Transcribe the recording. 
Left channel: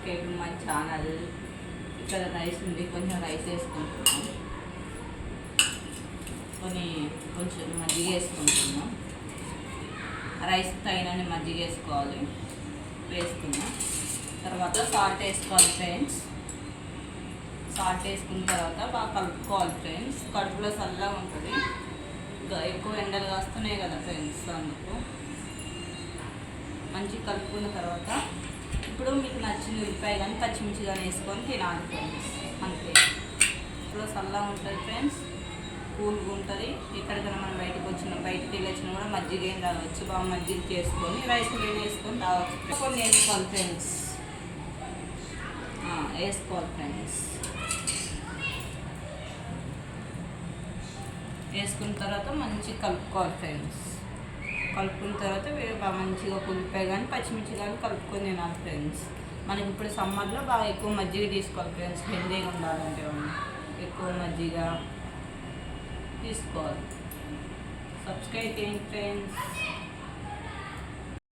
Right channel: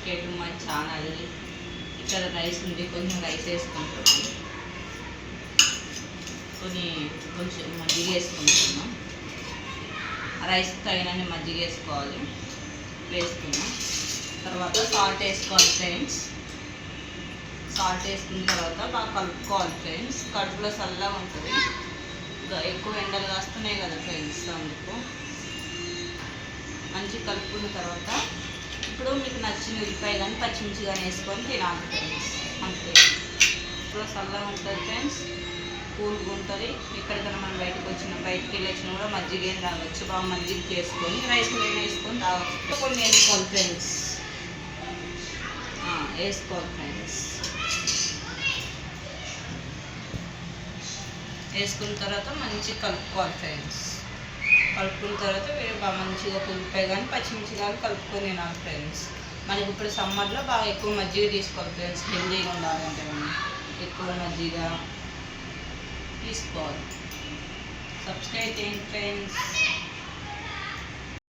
Subscribe to my channel. ఇక్కడ rice ఉంది, కొంచెం రైస్ వేసుకుంటున్నాం, కొంచెం మజ్జిగ వేసుకుంటున్నాం. రైస్ తగినన్ని మజ్జిగ వేసుకోవాలి. వేసుకున్నాం తర్వాత సాల్ట్ వేసుకోవాలి ఫ్రెండ్స్. సాల్ట్ వేసుకున్న తర్వాత బాగా కలుపుకోవాలి ఫ్రెండ్స్. కడుపులో చల్లగా ఉంటుంది, ఎక్కువ ఎండలు కాస్తున్నాయి కదా ఫ్రెండ్స్, అందుకు మంచిగా కలుపుకున్న తర్వాత ఇప్పుడు మీకు నచ్చిన ఉల్లిపాయ కానీ పచ్చిమిర్చి కానీ వేసుకొని తినాలి ఫ్రెండ్స్. అంతే. ఇప్పుడు చల్లగా ఉంటుంది ఫ్రెండ్స్, కూల్గా ఉంటుంది. ఎక్కడికైనా మనం బయటకు వెళ్ళి వచ్చినా కూడా మజ్జిగ ఏం తాగవచ్చు. బాగా మజ్జిగ చేసుకొని రైస్ మీద వేసుకొని తాగవచ్చు. కొన్ని వేసుకోవాలి ఫ్రెండ్స్, వేసుకోవాలి ఫ్రెండ్స్. వేసుకున్న తర్వాత మంచిగా కలుపుకోవాలి ఫ్రెండ్స్. కలుపుకున్న తర్వాత బాగా మంచిగా ఉల్లిపాయ కానీ పచ్చిమిర్చి కానీ కలుపుకొని తినాలి ఫ్రెండ్స్. మనకి ఇప్పుడు సమ్మర్లో బాగా ఎక్కువ మజ్జిగ తీసుకోవాలి ఫ్రెండ్స్. హెల్దీగా ఉండాలంటే మనం ఎక్కువ మజ్జిగ తీసుకోవాలి. సబ్స్క్రైబ్ చేయండి ఫ్రెండ్స్.